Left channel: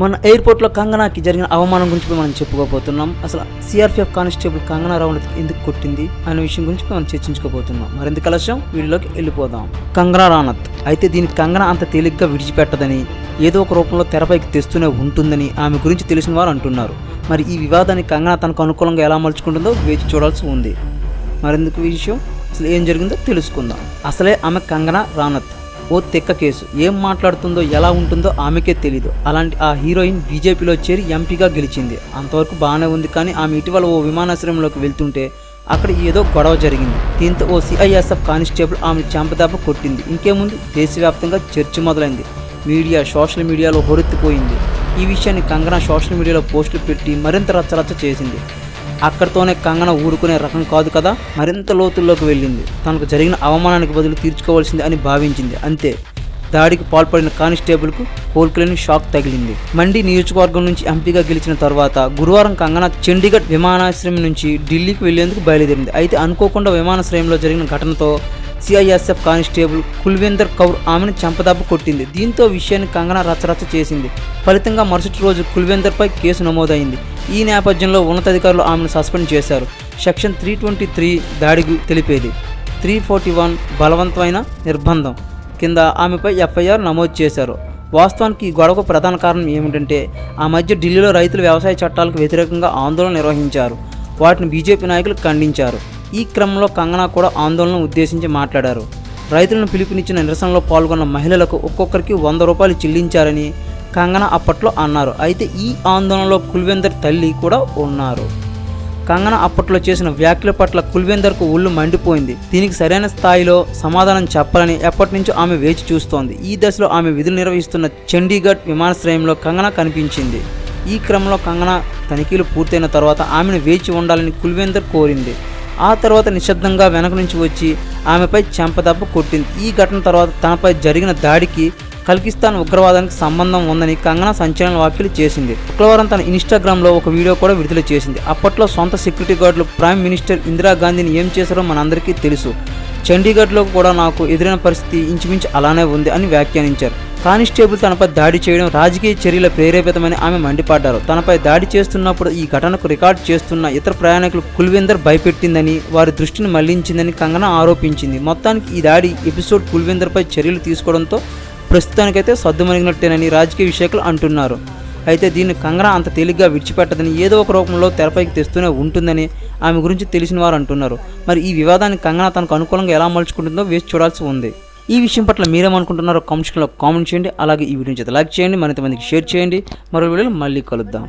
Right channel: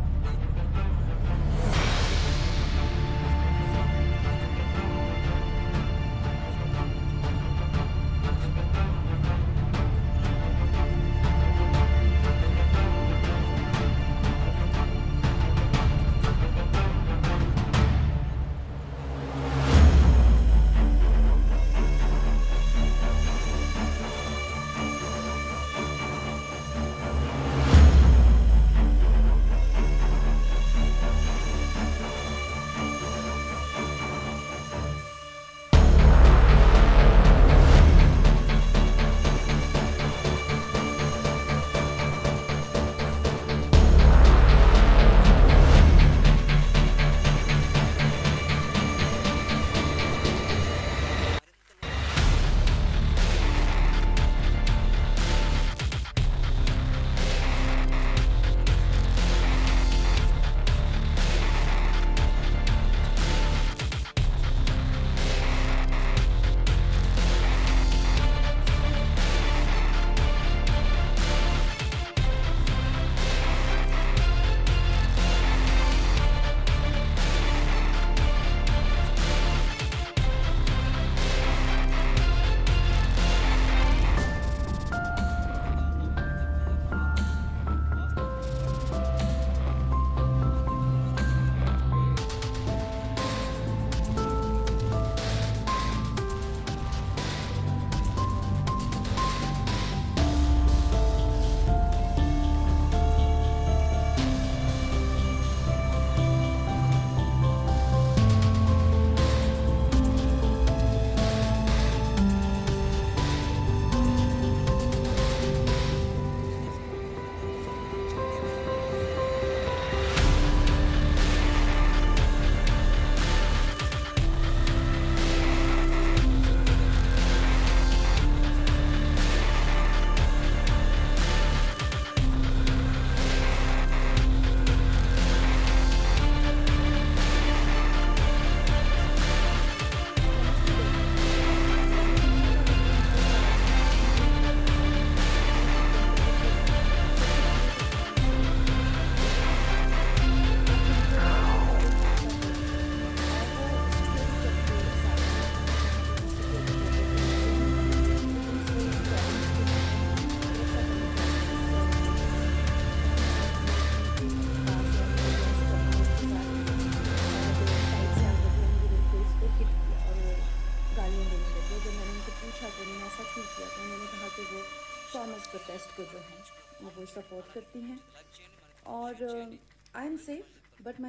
మన ఎయిర్పోర్ట్లో కంగనాకి జరిగిన అవమానం గురించి మనం చెప్పుకోబోతున్నాం. అసలు సిఆర్పిఎఫ్ కానిస్టేబుల్ కంగనా రనౌత్ ఎందుకు కొట్టింది అనే విషయం గురించి మనం చర్చించుకోబోతున్నాం. మరింత కలశం వీడియోలోకి వెళ్ళిపోదాం. కంగనా రనౌత్ అయితే దీని కంగనా అంత తేలిగ్గా విడిచిపెట్టదని, ఏదో ఒక రూపంలో తెరపైకి తెస్తూనే ఉంటుందని ఆమె గురించి తెలిసిన వారు అంటున్నారు. మరి ఈ వివాదాన్ని కంగనా తనకు అనుకూలంగా ఎలా మలుచుకుంటుందో వేచి చూడాల్సి ఉంది. మరెందుకు ఈ విషయం అసలు ఏం జరిగిందో తెలుసుకుందాం. అసలే ఆమె కంగనా రనౌత్ ఓ తెక్క కేసు. ఏం మాట్లాడుతుందో ఎలా ఉంటుందో ఆమెకే తెలీదు. అలాంటి ఆ హీరోయిన్ బీజేపీలో చేరి ఎంపీగా గెలిచింది. అంతవరకు బాగానే ఉంది. కానీ ఆమె ఇటీవల ఓ విమానాశ్రయంలోకి వెళ్తుంటే అక్కడ ఏదో గొడవ జరిగింది. దీంతో ఓ సిఐఎస్ఎఫ్ కానిస్టేబుల్ ఆమెను చెంపదాప కొట్టింది. ఇంకేముంది, దేశవ్యాప్తంగా చర్చ మొదలైంది. మీడియా సోషల్ మీడియాలో హొరెత్తిపోయింది. ఈ విషయాన్ని కంగనా సోషల్ మీడియాలో పోస్టులు పెట్టి మరింత రచ్చరచ్చ చేసింది. అక్కడితోనే కంగనా ఊరుకునే రకం కాదు కదా, మరింత లోతుల్లోకి వెళ్ళింది. తనకు జరిగిన అవమానానికి బదులు తీర్చుకోవాల్సింది అని భావించింది. అంతే, దాడికి పాల్పడిన కానిస్టేబుల్కు కోలుకోలేని షాక్ తగిలింది. మండి నియోజకవర్గం నుంచి ఎంపీగా గెలిచిన తర్వాత గురువారం కంగనా చండీగఢ్ విమానాశ్రయం నుంచి ఢిల్లీకి వెళ్లేందుకు బయలుదేరింది. అయితే అనుకోకుండా విమానాశ్రయంలో జరిగిన ఘటనతో సిఐఎస్ఎఫ్ కానిస్టేబుల్ కుల్వీందర్ కౌర్ ఆమెను చెంపదాపు కొట్టింది. దీంతో విషయాన్ని కంగనా రచ్చరచ్చ చేసింది. ఫలితంగా మరుసటి రోజు కుల్వీందర్పై కేసు నమోదైంది. ఈ నేపథ్యంలో ఉన్నతాధికారులు ఆమెను సస్పెండ్ చేశారు. సెక్షన్ 323 దాడికి తెలిపేది, 341 బలవంతమైన నిర్బంధం కింద ఆమెపై ఎఫ్ఐఆర్ నమోదు చేశారు. వాస్తవానికి ఈ గొడవకు ప్రధాన కారణం ఏమిటంటే ఆ మధ్య ఢిల్లీలో రైతులు వ్యవసాయ చట్టాలకు వ్యతిరేకంగా ఆందోళన నిర్వహించారు. వాటిని బీజేపీ నాయకులు ఖండించారు. ఈ క్రమంలో కంగనా కూడా ఆందోళనను ఉద్దేశించి మాట్లాడారు. రైతులను పిలుపునిచ్చిన నిరసనలో పాల్గొన్న మహిళలకు ఒక్కొక్కరికి 100 రూపాయలు చెల్లించారని కంగనా అప్పట్లో అన్నారు. అయితే ఈ ఆందోళనలో కుల్వీందర్ తల్లి కూడా ఉన్నారు. కంగనా అప్పట్లో చేసిన వ్యాఖ్యల పట్ల కుల్వీందర్కు ఒళ్ళు మండిపోయింది. దీనికి సరైన స్థాయిలో సమాధానం చెప్పాలని ఎప్పటి నుంచో ఆమె వేచి చూస్తోంది. ఈ దశలో ఆమె విధులు నిర్వహిస్తున్న చండీగఢ్ విమానాశ్రయంలో కంగనా కనిపించింది. ఈ క్రమంలో కంగనా తనిఖీలు పూర్తయిన తర్వాత ఆమెను వేచి ఉండాలని కుల్వీందర్ కోరింది. ఆ తర్వాత నిశ్శబ్దంగా వెనక నుంచి వచ్చి ఆమెపై చెంపదెబ్బ కొట్టింది. ఈ ఘటన తర్వాత తనపై జరిగిన దాడికి ఖలిస్తాన్ ఉగ్రవాదానికి సంబంధం ఉందని కంగనా సంచలన వ్యాఖ్యలు చేసింది. శుక్రవారం తన ఇన్స్టాగ్రామ్లో ఒక వీడియో కూడా విడుదల చేసింది. అప్పట్లో సొంత సెక్యూరిటీ గార్డులు ప్రైమ్ మినిస్టర్ ఇందిరాగాంధీని ఏం చేశారో మనందరికీ తెలుసు. చండీగఢ్లో కూడా నాకు ఎదురైన పరిస్థితి ఇంచుమించు అలానే ఉంది అని వ్యాఖ్యానించారు. కానిస్టేబుల్ తనపై దాడి చేయడం రాజకీయ చర్యల ప్రేరేపితమని ఆమె మండిపడ్డారు. తనపై దాడి చేస్తున్నప్పుడు ఈ ఘటనకు రికార్డు చేస్తున్న ఇతర ప్రయాణికులు కుల్వీందర్ భయపెట్టిందని, వారి దృష్టిని మళ్లించిందని కంగనా ఆరోపించింది. మొత్తానికి ఈ దాడి ఎపిసోడ్ కుల్వీందర్పై చర్యలు తీసుకోవడంతో ప్రస్తుతానికైతే సద్దుమణిగినట్టేనని రాజకీయ విశ్లేషకులు అంటున్నారు. అయితే దీన్ని కంగనా అంత తేలిగ్గా విడిచిపెట్టదని, ఏదో ఒక రూపంలో తెరపైకి తెస్తూనే ఉంటుందని ఆమె గురించి తెలిసిన వారు అంటున్నారు. మరి ఈ వివాదాన్ని కంగనా తనకు అనుకూలంగా ఎలా మలుచుకుంటుందో వేచి చూడాల్సి ఉంది. ఈ విషయం పట్ల మీరేమనుకుంటున్నారో కామెంట్ సెక్షన్లో కామెంట్ చేయండి. అలాగే ఈ వీడియోని లైక్ చేయండి, మరింత మందికి షేర్ చేయండి. మరో వీడియోలో మళ్ళీ కలుద్దాం.